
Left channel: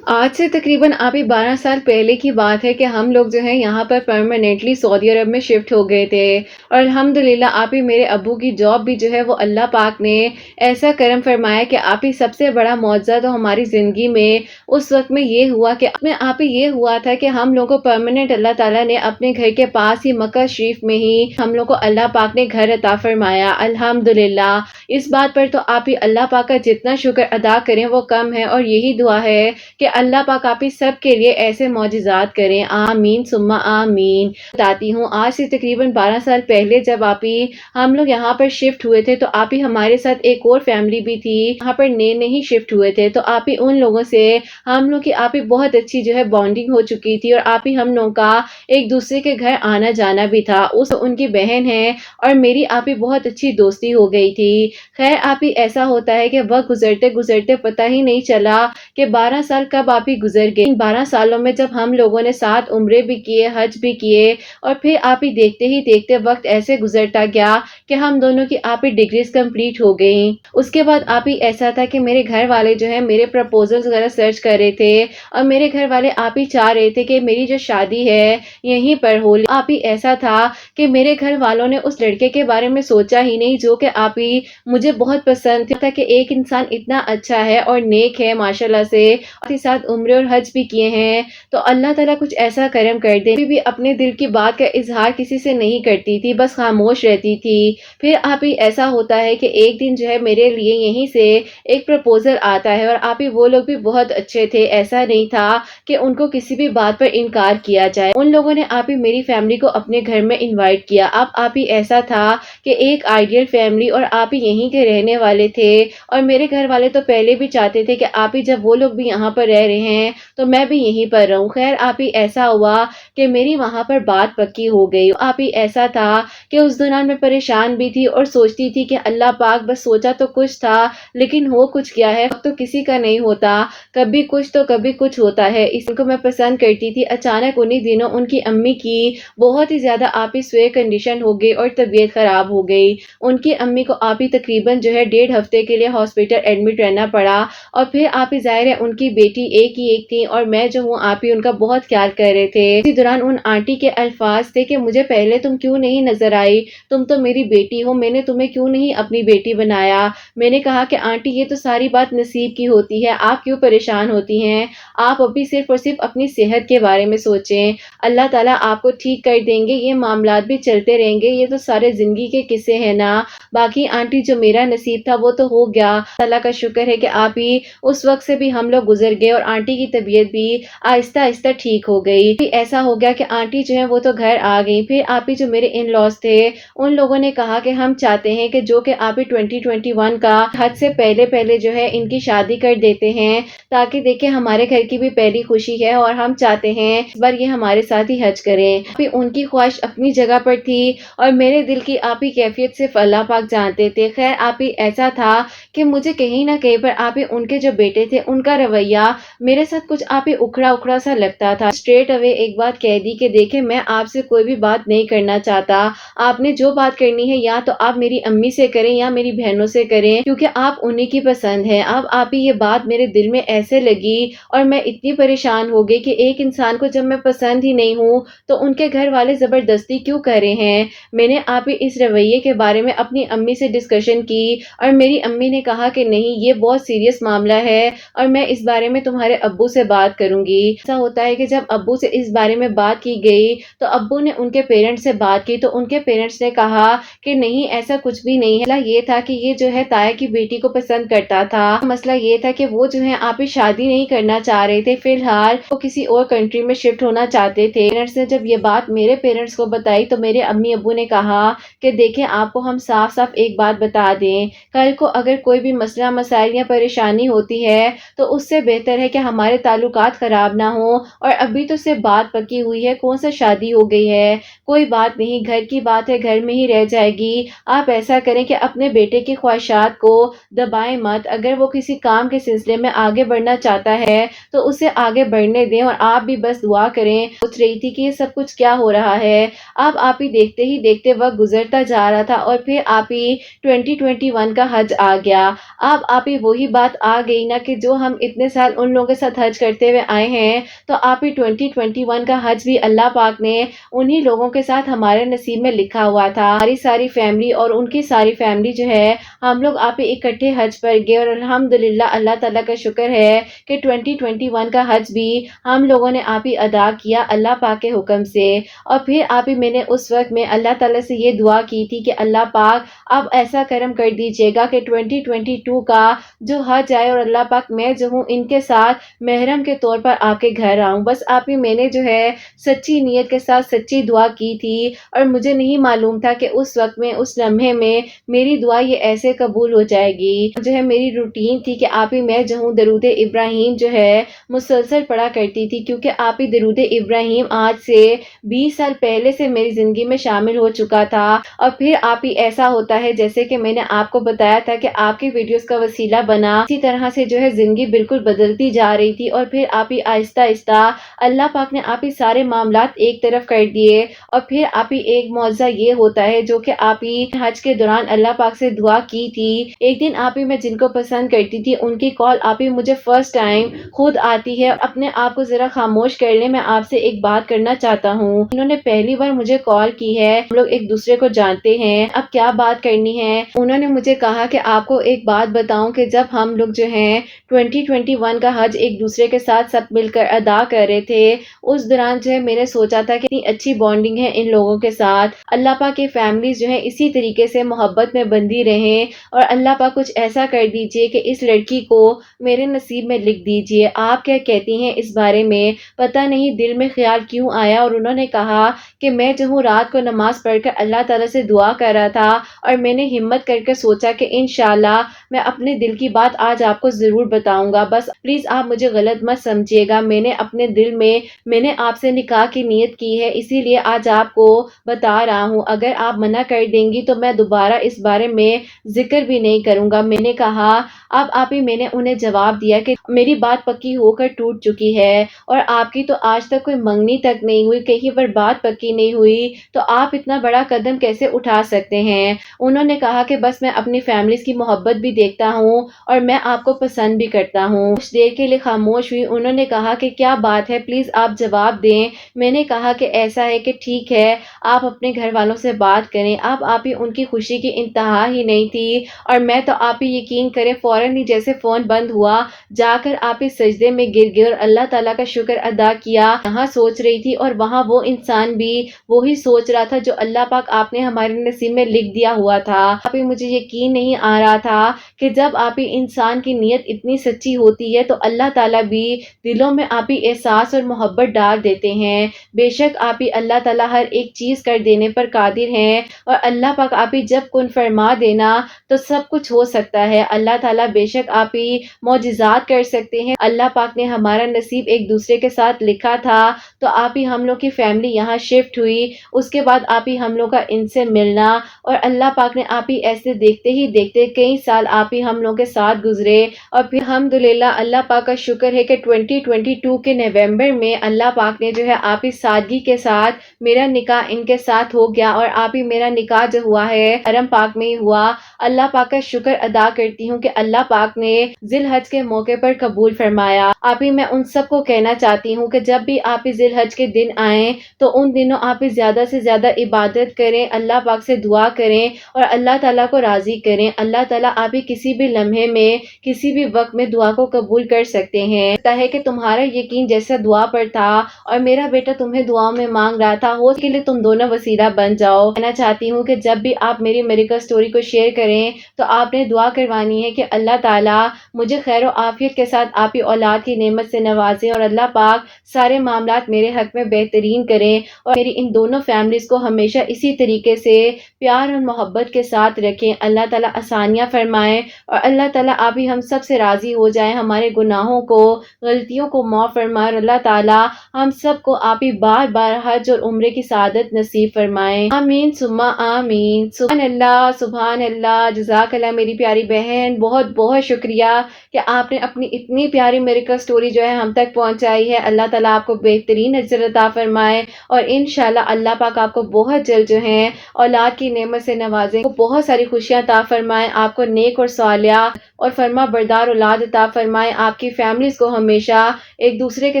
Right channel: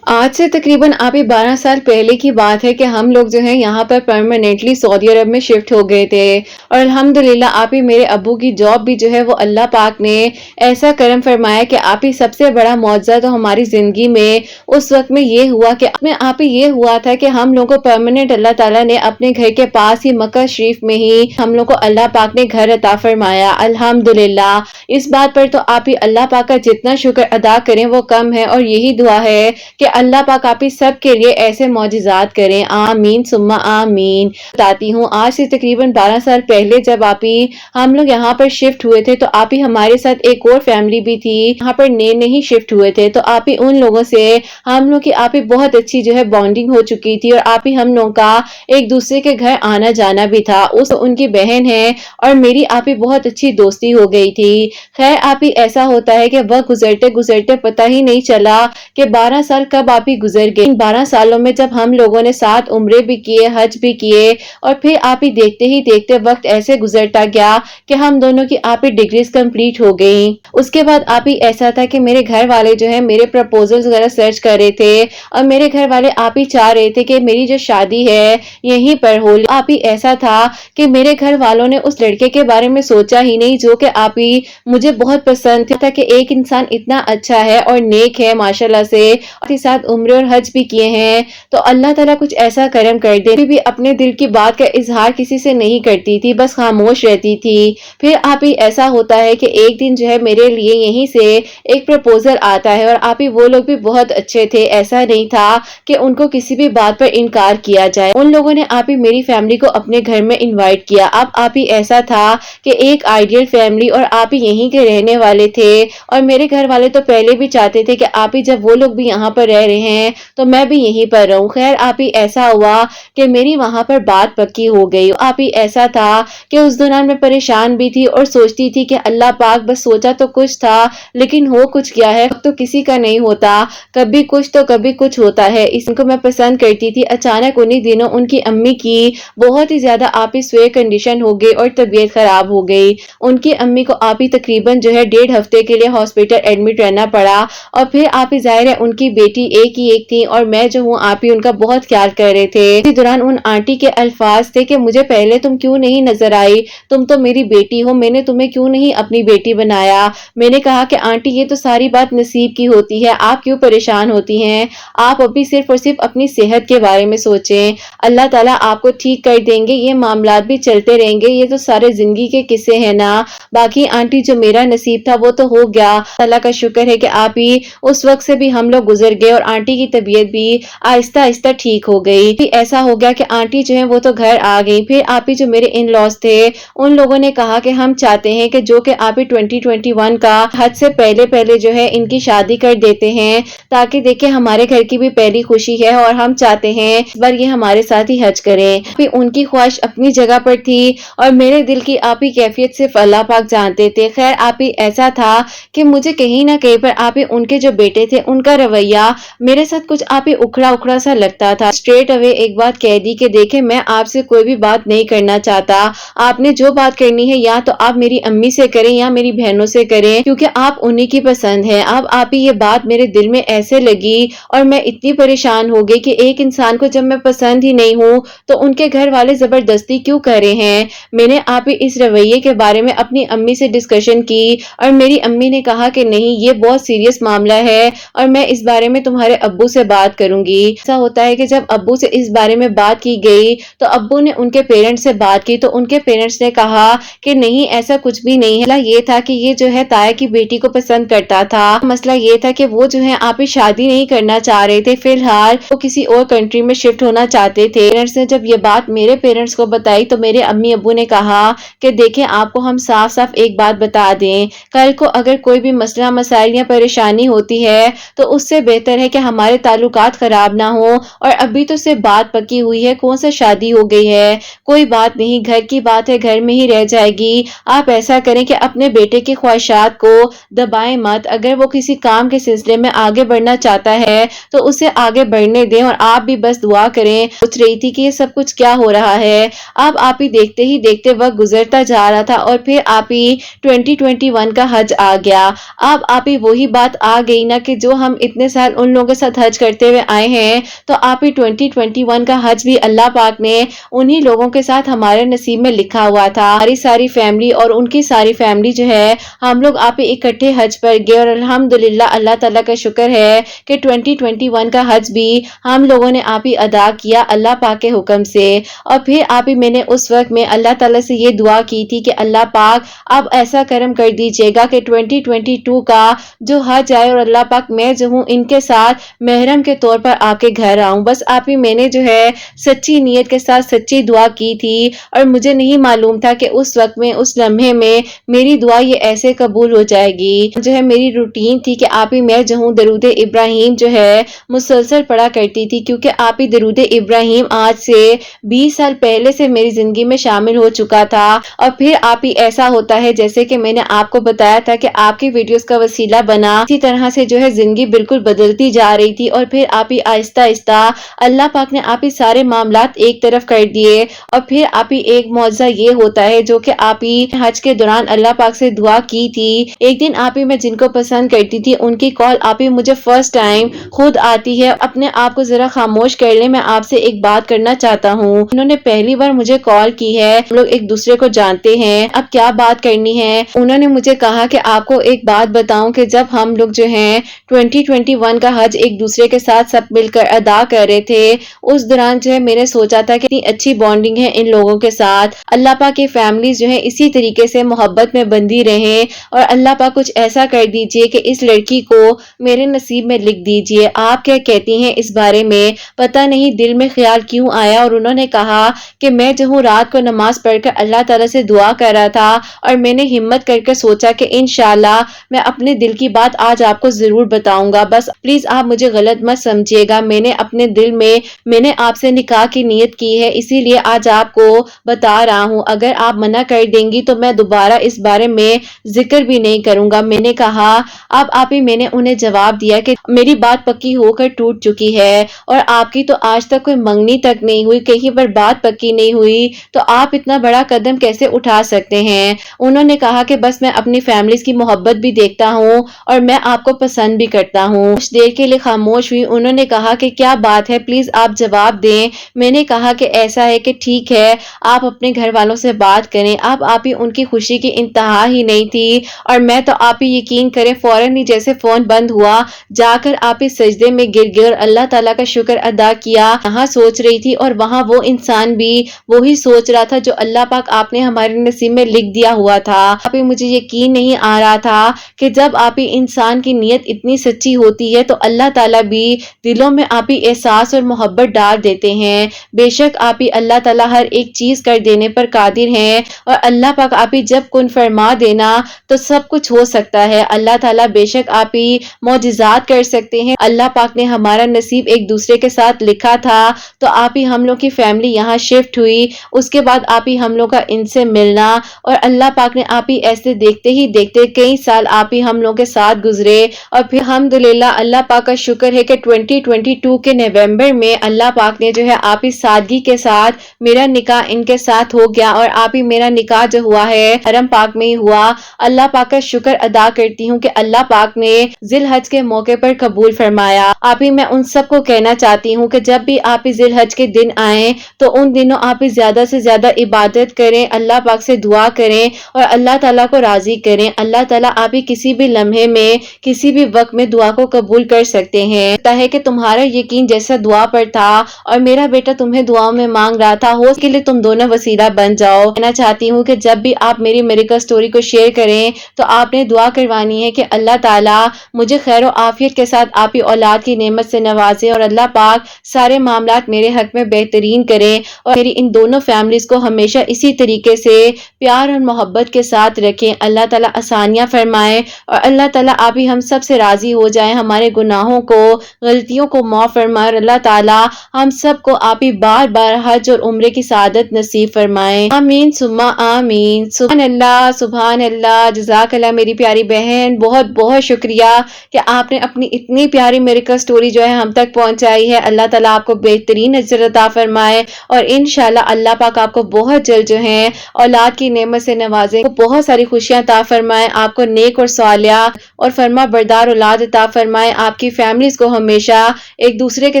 آج سے تقریباً آپ ہی 12 سال پہلے کی بات ہے کہ ہم لوگ جو ہے یہاں پر پرماننٹلی سعودی عرب میں شفٹ ہو گئے تھے، اور الحمدللہ آپ ہی میرے ابو کی جاب بھی جو ہے وہ اللہ پاک نے ایسا کرم فرمایا کہ آپ ہی سب سے بڑا معجزہ تو ہماری زندگی میں اس وقت میں یہ ہوا کہ آپ ہی یہ ہوا تھا کہ ہم لوگوں کو پرماننٹ اللہ تعالیٰ نے اپنے گھر کے پاس ہی مکہ شریف میں ہی ہم لوگ کو اللہ پاک نے گھر عطا فرمایا۔ الحمدللہ، اس بات پر تو آپ ہی اللہ پاک کا جتنا شکر ادا کریں وہ کم ہے، اور یہی دعا ہے کہ اللہ پاک آپ ہی سب کے لیے ایسے معجزات کریں، آمین ثم آمین۔ بتاتی ہوں آج سے تقریباً 12 سال پہلے جب آپ ہی ہم لوگ یہاں پر شفٹ ہوئے تھے تو آپ ہی ہمارے ساتھ ایک اور فیملی بھی تھی، یہاں پر نئے نہیں شفٹ ہوئے تھے، تو آپ ہی ان لوگوں سے ہم لوگ کی آپ ہی بہت اچھی جو ہے بانڈنگ ہو چکی تھی، اور آپ ہی ہم لوگوں کا ایک دوسرے کے گھر آنا جانا بھی تھا۔ ان کی بہن ہے اور میری آپ ہی بہت اچھی دوستی ہو گئی تھی۔ خیر آپ ہی ایسا ہوتا ہے کہ وقت گزرتے گزرتے پتہ ہی نہیں چلا کہ 12 سال کب آپ ہی گزر گئے۔ ان 12 سالوں میں جب ہم لوگوں نے ساتھ عمرے بھی کیے، حج بھی کیے، اور پھر آپ ہی دیکھتے وقت ایسے گزرتا گیا کہ ہم دونوں کی آپ ہی ڈگریز کمپلیٹ ہو گئیں۔ اس کے بعد آپ ہی ایسا تھا کہ میرے گھر والے جو ہے میرے پروپوزلز وغیرہ سرچ کر رہے تھے، اور میرے گھر والے آپ ہی چاہ رہے تھے کہ میری جو شادی ہے یہیں پر ہو۔ آپ ہی ایسا تھا کہ میرے گھر والوں نے اس لڑکے کے بارے میں سوچا ہی نہیں جو کہ آپ ہی مجھے بہت پسند تھا، کہ ایک انسان اتنا اچھا ہے اور نیک ہے ماشاءاللہ سے، کے ساتھ عمرے اور حج بھی کیے ہیں، تو اللہ تعالیٰ کچھ ایسا کرم کر دے۔ بھی اپنے دل کی بات کا اظہار کسی سے نہیں کرتی تھی، بس خاموش رہتی تھی۔ پھر آپ ہی ایسا ہوتا ہے کہ ایک دن جو ہے میرے لیے یہیں سے ایک پروپوزل آتا ہے، اور آپ ہی وہ لوگ بھی بہت اچھے تھے، ایسا نہیں تھا کہ ان کو کسی بھی بات پر انکار کیا جائے۔ ان لوگوں نے آپ ہی میری فیملی کو اپنے گھر میں انوائٹ کیا۔ اب آپ ہی ایسا تھا کہ ایک آئیڈیل فیملی، اور آپ ہی یہیں کے رہنے والے تھے، اور میرے گھر والے تو پہلے بھی چاہتے تھے کہ آپ ہی جب وہ لوگ بھی یہاں پر رہ رہے ہیں تو میں بھی یہیں پر رہوں۔ خیر آپ ہی ایسا ہوا کہ میری وہاں پر بات پکی ہو گئی۔ آپ ہی ایسا تھا کہ اس دوران میں پریشان بھی تھی اور سوچتی تھی کہ اللہ پاک، بس سوچا تو کچھ تھا لیکن ہو کچھ کیا ہے، تو کسی کا نہیں ہوتا، کبھی کچھ تو کبھی کچھ ہوتا ہے۔ اس کو میں پسند کرتی تھی، اچانک انہی دنوں ان کی امی کی بہت ہی زیادہ آپ ہی سوئے کنڈیشن ہو گئی اور طبیعت خراب ہو گئی۔ ان کی امی کو آپ ہی تقریباً جو ہے 1.5 ہفتے کے لیے ہاسپٹل ایڈمٹ رہنا پڑا، اور پھر آپ ہی ظاہر ہے ان کی بیٹی ایک ہی ایک تھی، اور میں جو ہوں آپ ہی ان کا بہت خیال کر رہے تھے۔ اسی دوران ان آنٹی کے الفاظ تھے کہ مجھے پہلے تم کیوں نہیں نظر آئی، تم تو میری بیٹی ہو، میں نے تمہیں کیوں نہیں اپنی بیٹی بنایا۔ میں نے کہا کہ آنٹی یہ تو ساری بات نصیب کی ہوتی ہے، آپ کیوں پریشان ہوتی ہیں، آپ ابھی صرف اور صرف اپنی صحت کے بارے میں سوچیں، اللہ تعالیٰ آپ کو ٹھیک کر دیں گے، یہ معاملات بھی چلتے رہیں گے، یہ تو سارے زندگی کے قصے ہیں نا۔ باقی آنٹی جو میرا نصیب تھا وہ تو ہو گیا، اللہ کا شکر ہے کہ آپ ہی اس وقت سے بھی ہم لوگ گزر گئے، اور اور آنٹی کی طبیعت بھی آہستہ آہستہ ٹھیک ہو گئی. ایسا ہو گیا کہ آنٹی جو ہے وہ تو گھر آ گئی. پھر آپ ہی جو میرے ان لاز تھے ان لوگوں نے کہا کہ ہم چاہتے ہیں کہ جو کہ آپ ہی 2021 کا حد سے پہلے جو ہے ان کی شادی کر دیتے ہیں تاکہ دیکھیں ہمارے گھر کی بھی پہلی خوشی ہے اور ہم چاہتے ہیں اس بار یہ ہمارے ساتھ ہی حج کریں. پھر ان کی خواہش اپنی جگہ پر تھی اور میرے دل کی آپ ہی کیفیت صرف اللہ پاک جانتے تھے. خیر آپ ہی ایسا تھا کہ مجھے کہیں نہ کہیں پر آپ ہی ان کے جو بیٹے تھے ان کا رویہ میرے ساتھ کچھ آپ ہی اکھڑا سا لگتا تھا. اسٹریٹ اوے ایک بات کہہ دی کہ دیکھیں میں آپ سے کوئی بھی بات نہیں کرنا چاہتا. آپ نے جو بات کرنی ہے یا تو آپ میری امی سے کریں یا میری بہنوں سے کریں کیونکہ آپ انہی کی پسند ہے. اب آپ ہی یہ بات میرے دل میں ایسے لگی اور میں اتنی پریشان ہو گئی کہ ایک انسان کو جب میں پسند ہی نہیں ہوں تو ان کے گھر والے زبردستی کیوں کر رہے ہیں. میں نے آپ ہی اس رویے کے بارے میں اپنی امی سے ڈسکشن کی اور میری امی نے کہا کہ نہیں یہ بہت سیریس معاملہ ہے اور میں اس بارے میں تمہارے ابو سے بات کروں گی. ایسا ہوتا ہے کہ جب ابو سے اس بارے میں بات کی گئی تو ابو نے ان کے پیرنٹس سے بات کی تو ان کے پیرنٹس نے کہا کہ نہیں ایسا کچھ بھی نہیں ہے. مسئلہ یہ تھا کہ یہ جو ہے تایا کی بیٹی کو پسند کرتا تھا. مسئلہ یہ تھا کہ وہ جو ہے آپ ہی شادی نہیں کرنا چاہ رہے تھے. فی الحال وہ کسی اور کنٹری میں شفٹ ہونا چاہتے تھے. پیرنٹس نے جب یہ بات میرے پیرنٹس کو بتائی تو میرے امی ابو نے کہا کہ دیکھیں آپ کو ہم صاف ایک بات بتا دیں کل کو اگر کوئی بھی مسئلہ مسائل یا پریشانی ہوتی ہے تو اس سے بہتر ہے کہ ہمارے تعلقات خراب نہ ہو. اور ابھی تو صرف بات پکی ہوئی ہے کون سا شادی ہو گئی ہے کوئی بات نہیں گھر کی بات ہے گھر میں ہی رہ جائے گی. آپ ایسا کریں کہ اپنے بیٹے کی خواہشات کو دبائیں مت. اگر وہ کسی کام کے سلسلے میں آگے بڑھنا چاہتا ہے تو اسے آگے بڑھنے دیں اور آپ بھی بس دعا کریں. سوچ رہی تھی کہ یہ سب کچھ کیا ہو رہا ہے. اب آپ ہی دیکھتے وقت گزرتا جا رہا تھا اور پھر آپ ہی 2021 کا حج آ گیا. اب آپ ہی وہی بات آ گئی نا کہ جو ہم اتنے سال ان لوگوں کے ساتھ حج کرتے ہوئے آئے ہیں تو آپ ہی 2021 کا حج بھی اللہ پاک نے انہی لوگوں کے ساتھ ہمارے نصیب میں لکھا ہوا تھا. ہماری ساری فیملی اور ان کی ساری فیملی جو ہے ہم لوگ آپ ہی اکٹھے حج پر گئے اور الحمدللہ اللہ تعالیٰ کا شکر ہے کہ 2021 کا حج بھی ہم لوگوں نے آپ ہی ادا کیا اللہ پاک کے حکم سے. اور پھر آپ ہی میں نے اس وقت میں اللہ تعالیٰ سے یہ دعا کی تھی کہ اللہ پاک اب ایسا کرم کر دیجئے گا کہ 2022 کا جو حج آئے اور اللہ پاک میں جو ہوں ان کے ساتھ محرم کے طور پر آپ کے گھر آؤں. بس آپ ہی میں نے جو ہے سچی نیت کے ساتھ سچی دعا کی تھی اور مجھے نہیں معلوم تھا کہ اس وقت میں اس لمحے میں میری دعا یہ ایسے قبول ہو جائے گی. جو ہے میری روٹین تھی کہ آپ ہی میں جو ہوں درود ابراہیم جو ہے مسلسل پڑھا کرتی تھی کیونکہ آپ ہی درود ابراہیم آج سے 20 سال پہلے سے میری زندگی میں شامل ہو چکا تھا. اور پھر آپ ہی ایسا ہوتا ہے جیسے کہ میں نے آپ کو بتایا تھا کہ آپ کی ویڈیوز کا وسیلہ بنا اسی طرح سے جو ہے زندگی بالکل بدلتی جا رہی تھی. اور پھر آپ ہی آہستہ آہستہ اللہ پاک نے آپ ہی سارے معاملات ایک طرف کر دیے. اور پھر آپ ہی ایک معجزہ یہ ہوتا ہے جو کہ آپ ہی حج کے دوران اللہ پاک سے دعا کی تھی. ایک دن آپ ہی میں جن کو پسند کرتی تھی ان کی کال آپ ہی مجھے فرسٹ ٹائم خود آتی ہے. اپنے آپ کو ذرا خاموش کر لیں میں آپ سے ایک بات کرنا چاہتا ہوں. انہوں نے پہلی بار مجھے کال کی ہے. ہم لوگ ایک دوسرے کو جانتے ہیں اب کیا بات کرنی ہے. انہوں نے مجھے کہا کہ آپ کو ایک بات بتاؤں کہ جب ہم لوگ جو ہیں 2021 کا حج ایک دوسرے کے ساتھ سب مل کر ادا کر رہے تھے اس دوران جو ہے میں نے سوچا تھا کہ اتنی اچھی بانڈنگ ہے ان لوگوں کے ساتھ. اللہ پاک کی فیملیز جو ہے اسی طریقے سے محبت میں بندھی رہیں اور اللہ پاک کچھ ایسا کر دیجئے کہ اس لڑکی کو میرے نصیب میں لکھ دیجئے. آپ کیا کہتی ہیں اس بارے میں؟ پتہ نہیں دل میں خیال کیوں آیا اور انہوں نے کہا کہ میں جو ہوں رات کو نماز پڑھ کر اللہ تعالیٰ سے دعا کر رہا تھا اور میں نے ہمت کر کے سوچا کہ انشاءاللہ میں اپنے دل کی بات آج آپ کو ضرور بتاؤں گا. بس پلیز آپ مجھے غلط مت سمجھیے گا. میں نے اپنے دل میں نے آپ سے نکاح کی نیت کی ہے اسی لیے آج آپ کو بتا رہا ہوں. اگر آپ منع کر دیں گی تو میں دوبارہ اس بارے میں ذکر بھی نہیں کروں گا. میں نے کہا اب آپ ہی میں نے انہیں جواب دیا کہ میری بات پکی ہو کر ٹوٹ چکی ہے اور آپ کی تو آج تک کوئی منگنی تک نہیں ہوئی کہیں پر بات پکی نہیں ہوئی تو آپ اتنا بڑا قدم کیسے اٹھا سکتے ہیں. انہوں نے کہا کہ بس میں اپنی فیملیز کی محبت بھی دیکھتا ہوں اور میں آپ کو پسند بھی کرتا ہوں. کچھ دیر کے لیے خاموش ہوئی. انہوں نے کہا کہ کیا بات ہے پلیز آپ جواب دیں. میں نے کہا کہ ایسا ہے کہ ٹھیک ہے آپ اپنے گھر والوں سے بات کریں. اب آپ ہی ان کی خوشی کی انتہا ہی نہیں تھی اور میں تو آپ ہی یقین کریں فوراً ہی جیسے فون بند ہوا جا کر آپ ہی سجدے میں گر گئے اور اللہ تعالیٰ کا شکر ادا کیا. یہاں سوچ رہی تھی اور وہاں وہ انسان بھی وہی سوچ رہا تھا جو اللہ پاک آپ نے ہمارے نصیب میں لکھ دیا ہوا تھا. آپ ہی مجھے یقین نہیں آ رہا تھا کہ جب آپ ہی انسان کی نیت اتنی سچی ہوتی ہے تو اللہ تعالیٰ بھی دلوں میں آپ ہی احساس اور محبت ڈال دیتے ہیں۔ بے شک آپ ہی اللہ تعالیٰ ہر ایک چیز کر دینے پر قادر ہیں، اور اللہ پاک آپ ہی جب کن فرما دینا تو سب کچھ ہو سکتا ہے۔ اللہ تعالیٰ بے شک آپ ہی معجزات کر سکتے ہیں۔ اللہ پاک نے ہمارا نصیب ایک دوسرے کے ساتھ لکھا تھا تو آپ ہی ہم لوگ کی فیملی یہاں شفٹ ہوئی، اس کے بعد آپ ہی ہم لوگ کا ان سے ملنا، اور اللہ پاک نے آپ ہی ایسے دیکھتے ہی دیکھتے کئی سال آپ ہی ہم لوگ کے ساتھ گزرے، اور پھر الحمدللہ اللہ پاک کا شکر ہے کہ 2022 کے نومبر میں اللہ پاک نے جو ہے آپ ہی سادگی کے ساتھ میرا نکاح ان کے ساتھ ہو گیا، اور آپ ہی میرا نکاح جو ہوا ہے حرم پاک میں ہی ہوا۔ اللہ پاک کا شکر ادا کرتی ہوں کہ اللہ پاک نے ذی الحج کے موقع پر قبول فرمایا۔ آپ ہی میں ان سب کو کہنا چاہتی ہوں کہ جب بھی آپ ہی ذی الحج کے دن آئیں تو ان دنوں آپ ہی زیادہ سے زیادہ عبادت کریں، اللہ پاک سے دعا کریں اور اللہ تعالیٰ کو راضی کریں۔ اللہ تعالیٰ آپ ہی کسی بھی لمحے میں کسی بھی وقت میں دعا کو قبول کر سکتے ہیں۔ لگتا ہے کہ تمہارا یقین جیسا دعا پر تھا اور میرا بیٹا تمہیں دعاؤں میں مانگ رہا تھا، ہو اس کے لیے تم دونوں وسیلہ بن جاؤ۔ کہنا چاہتی ہوں کہ جب بھی آپ میری میریکل سٹوری کو شیئر کریں تو آپ نے دعا کروانی ہے کہ اللہ تعالیٰ مجھے خیر و عافیت کے ساتھ آپ ہی اولاد کی نعمت سے نوازے، اور اللہ پاک سارے معاملات میرے حق میں بہترین کریں، اور میری ان دونوں فیملیز کو ہمیشہ اسی طریقے سے پیار اور محبت کے ساتھ رکھیں۔ اللہ تعالیٰ آسانیاں فرمائیں، اور اللہ تعالیٰ آپ ہی ہم سب سے راضی ہو جائیں، ہمارے گناہوں کو غلطیوں کو معاف فرمائیں، اور اللہ تعالیٰ ہم سب کو آپ ہی بار بار حج اور عمرے کی سعادت نصیب فرمائیں۔ آمین ثم آمین۔ سبحان اللہ، سبحان اللہ، جزاک اللہ میری پیاری بہن، بہت بہت شکریہ کہ آپ نے اپنی اتنی پیاری میریکل سٹوری جو ہے ہم تک پہنچائی ہے۔ اللہ تعالیٰ آپ کو بہترین اجر عطا فرمائے، اور انشاءاللہ اللہ پاک آپ کو بہت جلد جو ہے اولاد کی نعمت سے نوازے، بہت ساری خوشیاں عطا فرمائے، آپ کو نیک اور صالحہ اور فرما بردار اولاد عطا فرمائے، آپ کی فیملیز کو ہمیشہ ایک دوسرے کے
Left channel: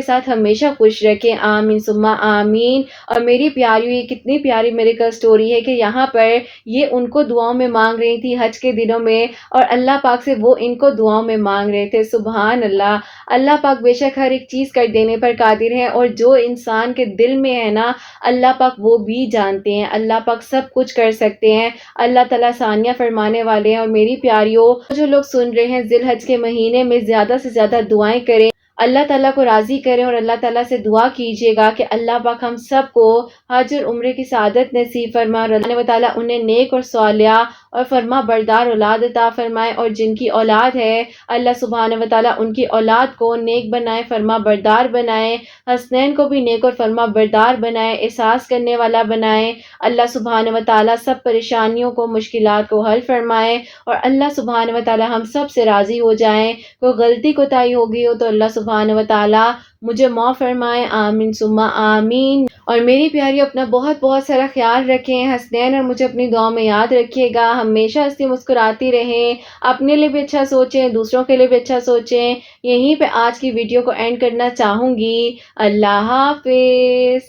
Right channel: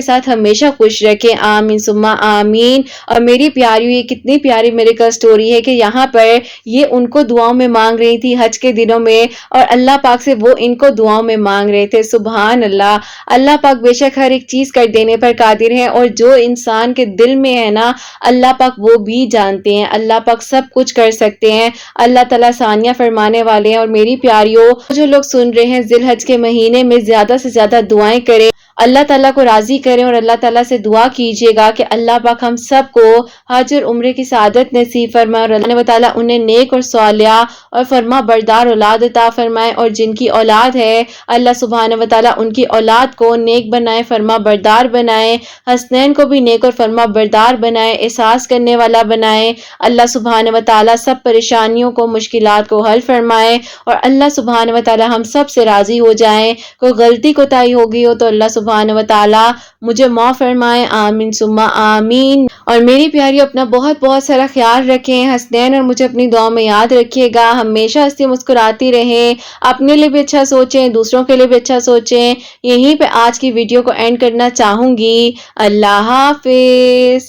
ساتھ ہمیشہ خوش رکھیں۔ آمین ثم آمین۔ اور میری پیاری، یہ کتنی پیاری میریکل سٹوری ہے کہ یہاں پر یہ ان کو دعاؤں میں مانگ رہی تھی حج کے دنوں میں، اور اللہ پاک سے وہ ان کو دعاؤں میں مانگ رہے تھے۔ سبحان اللہ، اللہ پاک بے شک ہر ایک چیز کر دینے پر قادر ہے، اور جو انسان کے دل میں ہے نا اللہ پاک وہ بھی جانتے ہیں، اللہ پاک سب کچھ کر سکتے ہیں۔ اللہ تعالیٰ ثانیہ فرمانے والے ہیں۔ اور میری پیاریوں، جو لوگ سن رہے ہیں ذی الحج کے مہینے میں زیادہ سے زیادہ دعائیں کریں، اللہ تعالیٰ کو راضی کریں، اور اللہ تعالیٰ سے دعا کیجیے گا کہ اللہ پاک ہم سب کو حج اور عمرے کی سعادت نصیب فرمائے، اور اللہ تعالیٰ انہیں نیک اور صالحہ اور فرما بردار اولاد عطا فرمائے، اور جن کی اولاد ہے اللہ سبحانہ و تعالیٰ ان کی اولاد کو نیک بنائے، فرما بردار بنائے، حسنین کو بھی نیک اور فرما بردار بنائے، احساس کرنے والا بنائے۔ اللہ سبحانہ و تعالیٰ سب پریشانیوں کو، مشکلات کو حل فرمائے، اور اللہ سبحانہ و تعالیٰ ہم سب سے راضی ہو جائیں۔ کوئی غلطی کوتاہی ہو گئی ہو تو اللہ سبحانہ و تعالیٰ مجھے معاف فرمائے۔ آمین ثم آمین۔ اور میری پیاری اپنا بہت بہت سارا خیال رکھیں، حسنین اور مجھے اپنی دعاؤں میں یاد رکھیے گا، ہمیشہ ہنسی مسکراتی رہیں، اپنے لیے بھی اچھا سوچیں، دوسروں کے لیے بھی اچھا سوچیں۔ یہیں پہ آج کی ویڈیو کو اینڈ کرنا چاہوں گی۔ اللہ حافظ۔